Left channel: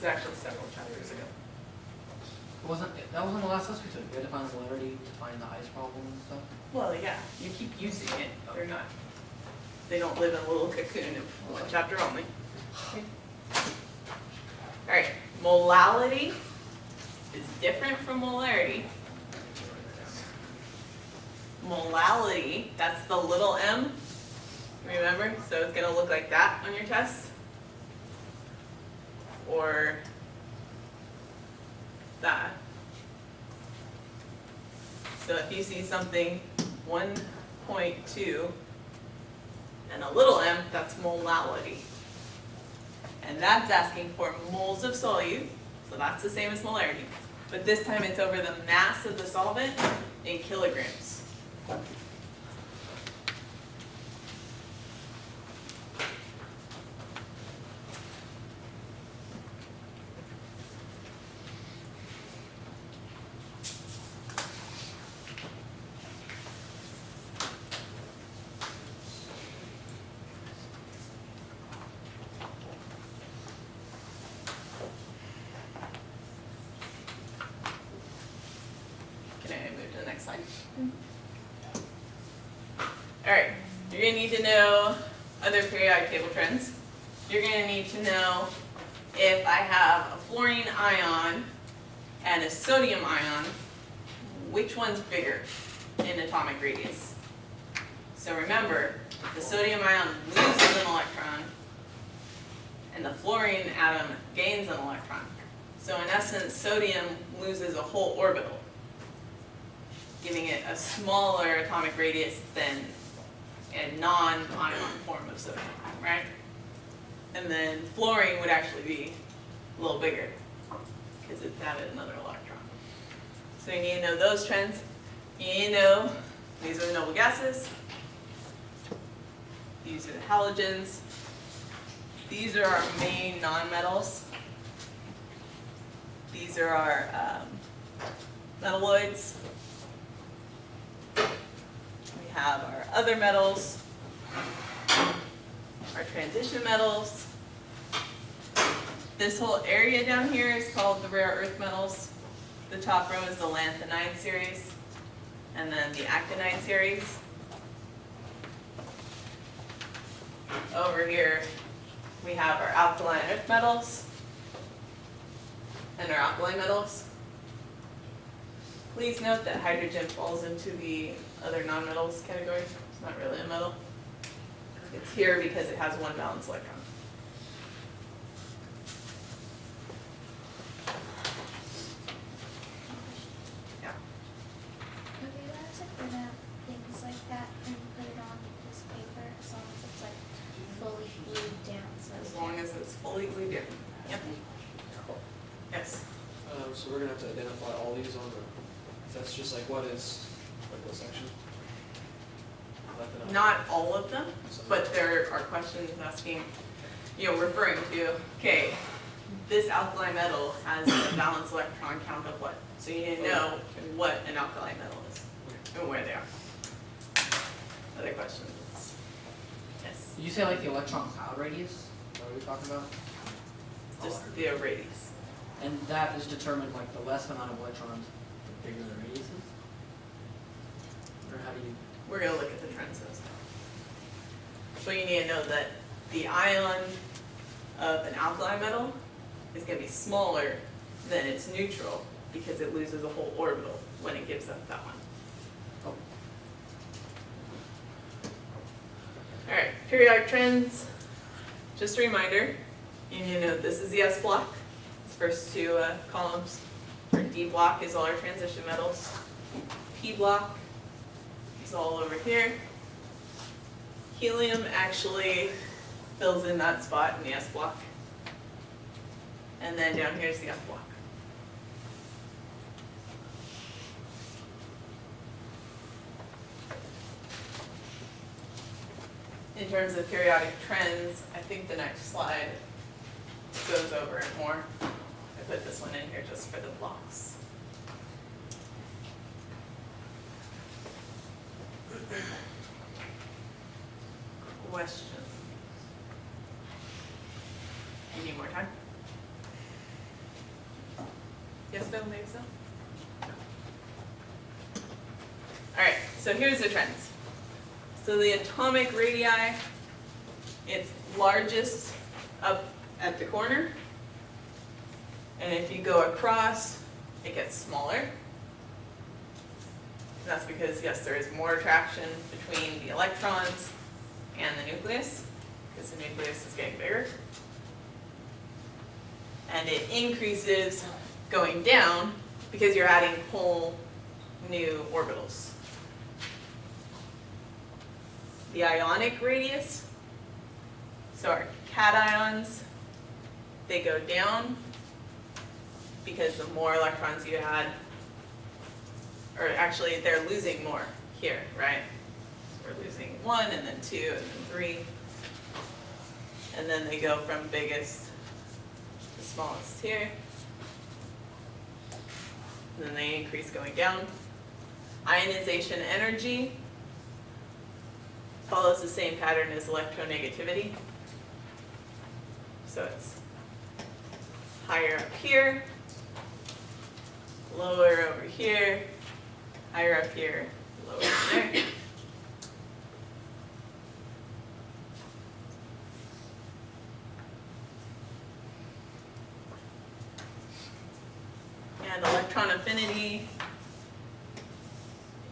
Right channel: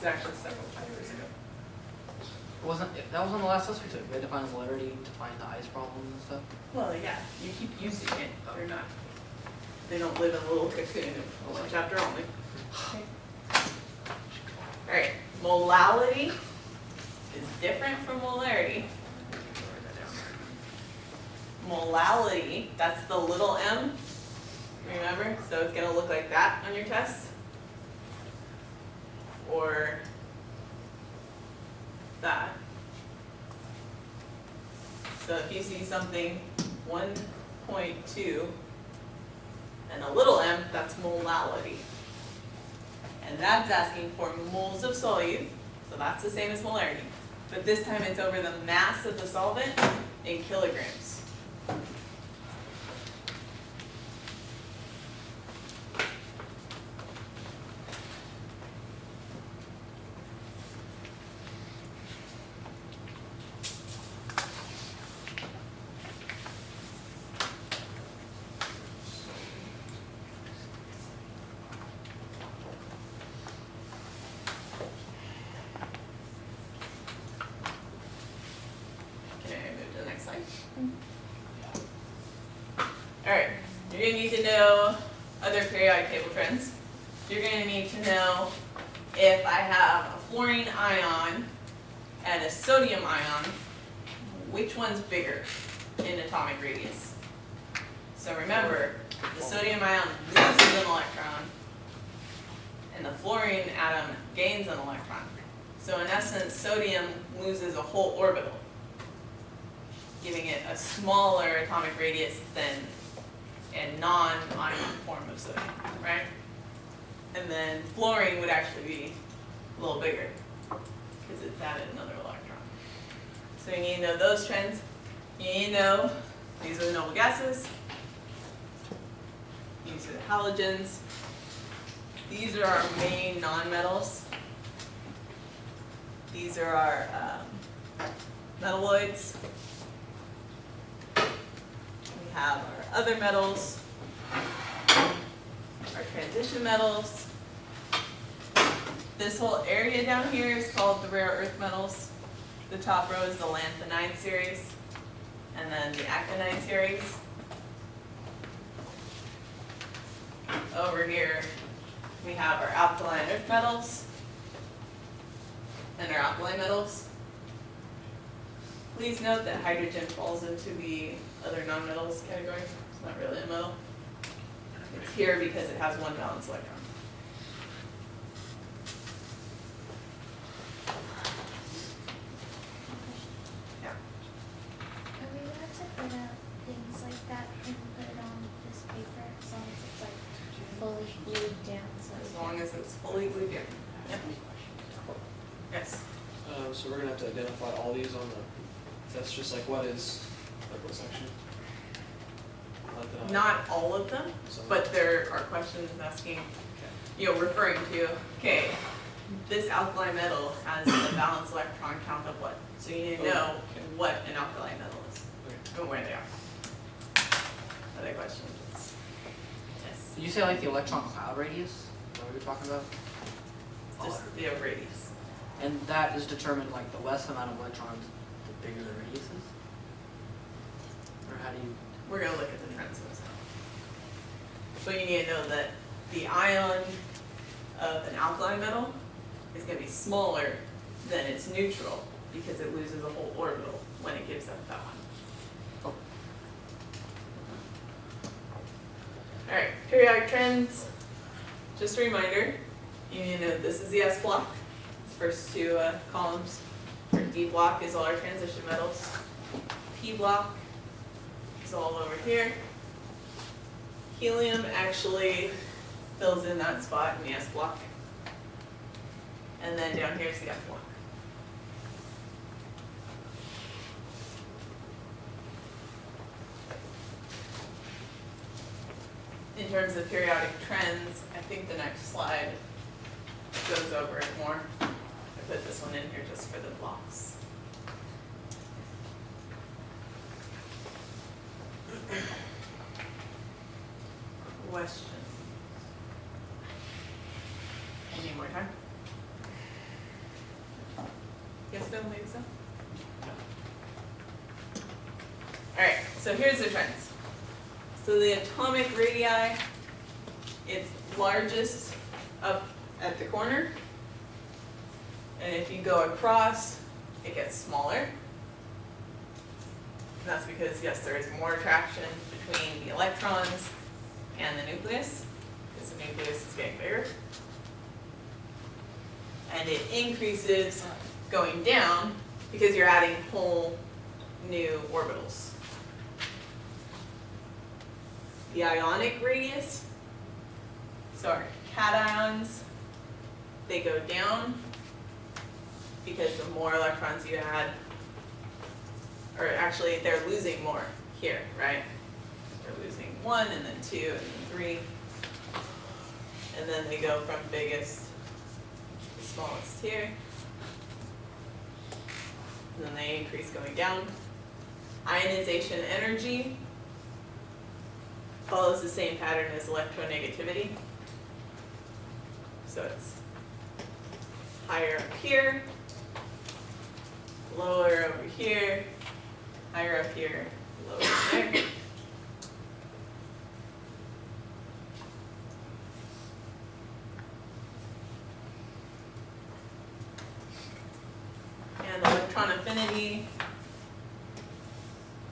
It's actually several chapters ago. That wasn't the last test we took? We had to find the polarity to find the ice problem and stuff? Well, yeah, you keep using it. They're not. They don't live in a little cocoon of one chapter only. Okay. All right, molality is different from molarity. Molality, that's the little m, remember? So it's gonna look like that on your test. Or that. So if you see something 1.2 and a little m, that's molality. And that's asking for moles of solute, so that's the same as molarity. But this time it's over the mass of the solvent in kilograms. Alright, you're going to need to know other periodic table trends. You're going to need to know if I have a fluorine ion and a sodium ion, which one's bigger in atomic radius. So remember, the sodium ion loses an electron and the fluorine atom gains an electron. So in essence, sodium loses a whole orbital, giving it a smaller atomic radius than a non-ion form of sodium, right? And then fluorine would actually be a little bigger because it's added another electron. So you need to know those trends. You need to know these are the noble gases. These are the halogens. These are our main nonmetals. These are our metalloids. We have our other metals, our transition metals. This whole area down here is called the rare earth metals. The top row is the lanthanide series, and then the actinide series. Over here, we have our alkaline earth metals and our alkali metals. Please note that hydrogen falls into the other nonmetals category. It's not really a metal. It's here because it has one valence electron. Yeah. Are we allowed to print out things like that and put it on this paper as long as it's like fully glued down? So As long as it's fully glued down. Yep. Yes. So we're gonna have to identify all these on the, that's just like what is, like what section? Not all of them, but there are questions asking, referring to, okay, this alkali metal has a valence electron count of what? So you need to know what an alkali metal is and where they are. Other questions? Yes. Did you say like the electron cloud radius? What are we talking about? Just the radius. And that is determined like the less amount of electrons, the bigger the radius is? Or how do you? We're going to look at the trends of this. So you need to know that the ion of an alkali metal is going to be smaller than its neutral because it loses a whole orbital when it gives up that one. Oh. Alright, periodic trends. Just a reminder, you need to know this is the S block. First two columns. Our D block is all our transition metals. P block is all over here. Helium actually fills in that spot in the S block. And then down here is the F block. In terms of periodic trends, I think the next slide goes over it more. I put this one in here just for the blocks. Questions? You need more time? Yes, no, maybe so? Alright, so here's the trends. So the atomic radii, it's largest up at the corner. And if you go across, it gets smaller. And that's because, yes, there is more attraction between the electrons and the nucleus, because the nucleus is getting bigger. And it increases going down because you're adding whole new orbitals. The ionic radius, so our cations, they go down because the more electrons you add, or actually they're losing more here, right? So we're losing 1 and then 2 and then 3. And then they go from biggest to smallest here. And then they increase going down. Ionization energy follows the same pattern as electronegativity. So it's higher up here, lower over here, higher up here, lower there. And electron affinity,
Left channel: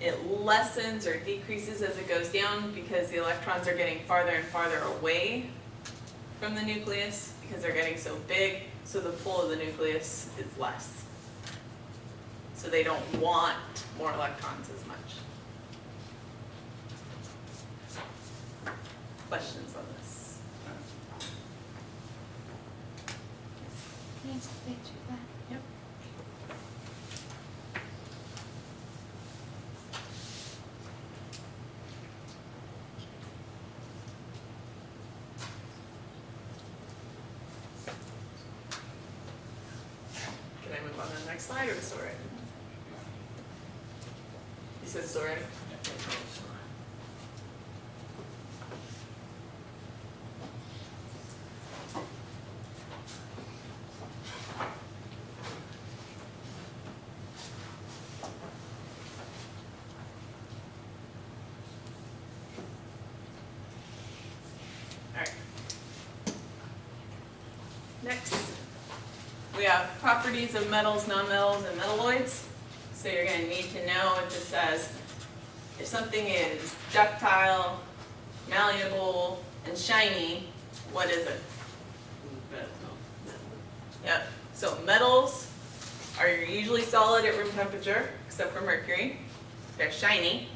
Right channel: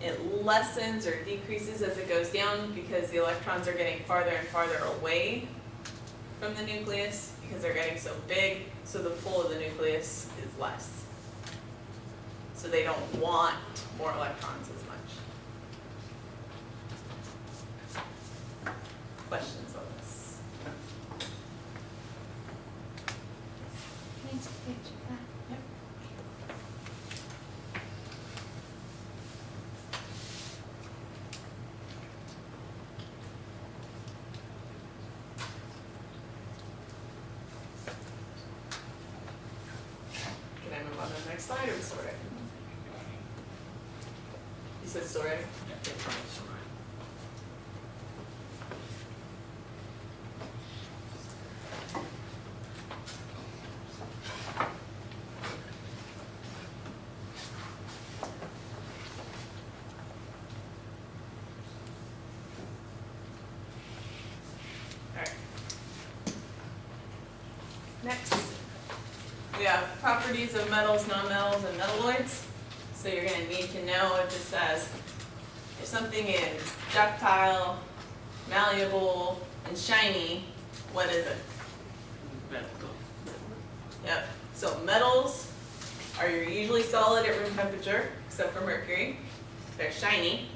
it lessens or decreases as it goes down because the electrons are getting farther and farther away from the nucleus because they're getting so big, so the pull of the nucleus is less. So they don't want more electrons as much. Questions on this? Can you take a picture of that? Yep. Can I move on to the next slide or story? You said story? Alright. Next, we have properties of metals, nonmetals, and metalloids. So you're going to need to know if it says, if something is ductile, malleable, and shiny, what is it? Yep. So metals are usually solid at room temperature, except for mercury. They're shiny.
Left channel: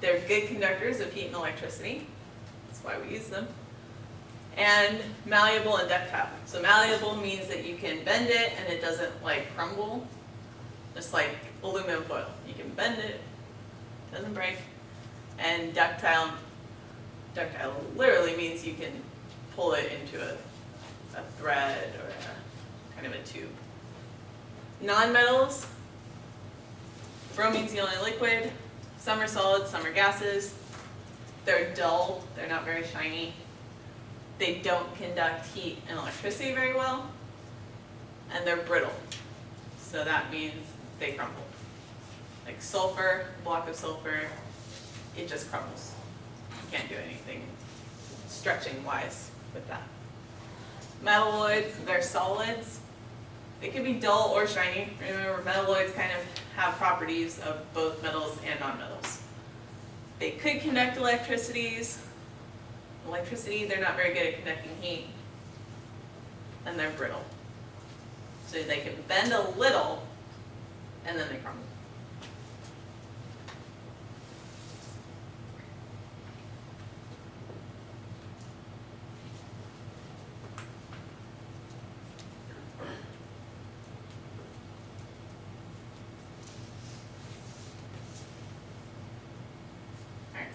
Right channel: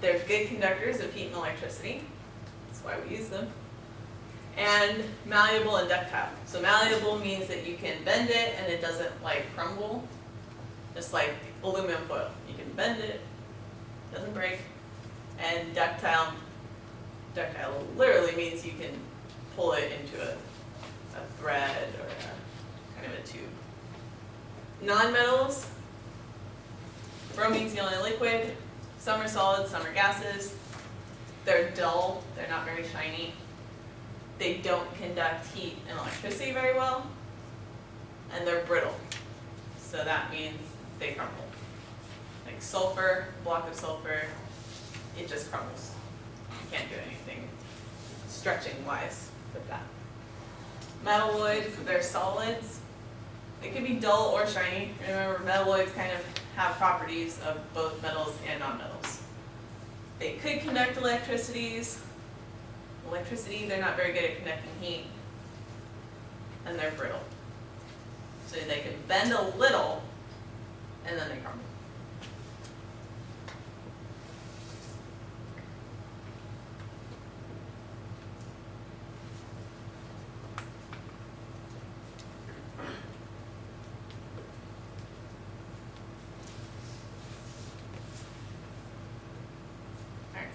They're good conductors of heat and electricity. That's why we use them. And malleable and ductile. So malleable means that you can bend it and it doesn't like crumble, just like aluminum foil. You can bend it, doesn't break. And ductile literally means you can pull it into a thread or a kind of a tube. Nonmetals, bromine's the only liquid. Some are solids, some are gases. They're dull, they're not very shiny. They don't conduct heat and electricity very well, and they're brittle. So that means they crumble. Like sulfur, block of sulfur, it just crumbles. You can't do anything stretching wise with that. Metalloids, they're solids. They can be dull or shiny. Remember, metalloids kind of have properties of both metals and nonmetals. They could conduct electricity, they're not very good at conducting heat, and they're brittle. So they can bend a little, and then they crumble.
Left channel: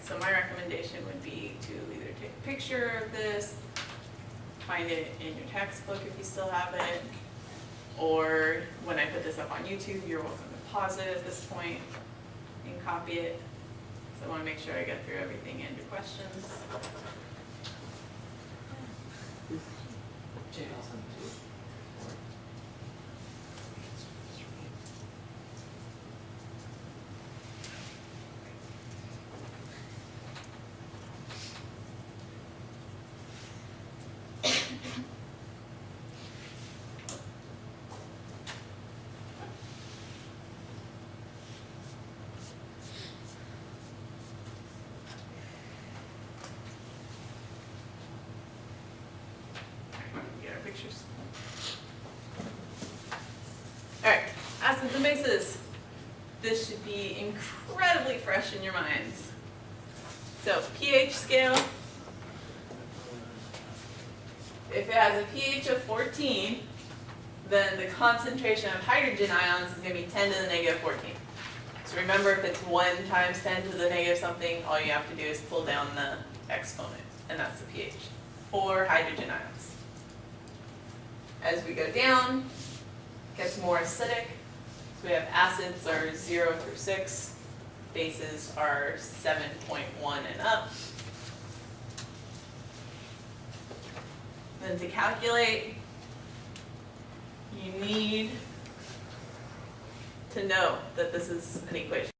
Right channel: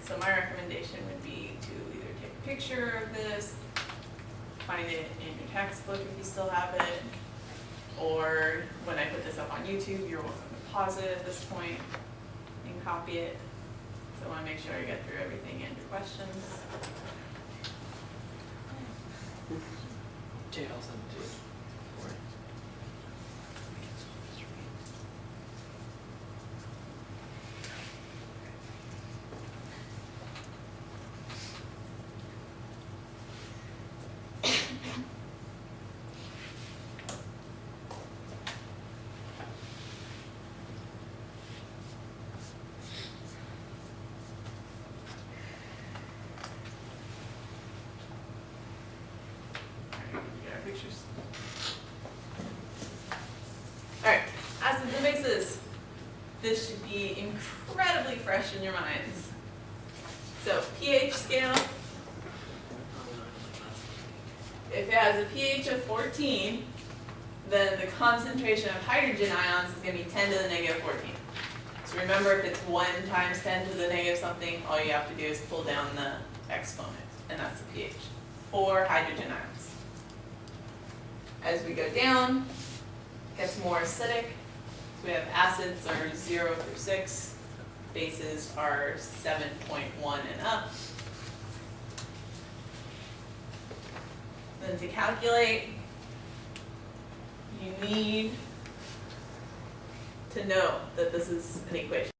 So my recommendation would be to either take a picture of this, find it in your textbook if you still have it, or when I put this up on YouTube, you're welcome to pause it at this point and copy it. So I want to make sure I get through everything and your questions. Jay, I'll send it to you. pictures. Alright, acids and bases. This should be incredibly fresh in your minds. So pH scale, if it has a pH of 14, then the concentration of hydrogen ions is going to be 10 to the negative 14. So remember, if it's 1 times 10 to the negative something, all you have to do is pull down the exponent, and that's the pH for hydrogen ions. As we go down, it gets more acidic. So we have acids are 0 through 6, bases are 7.1 and up. Then to calculate, you need to know that this is an equation.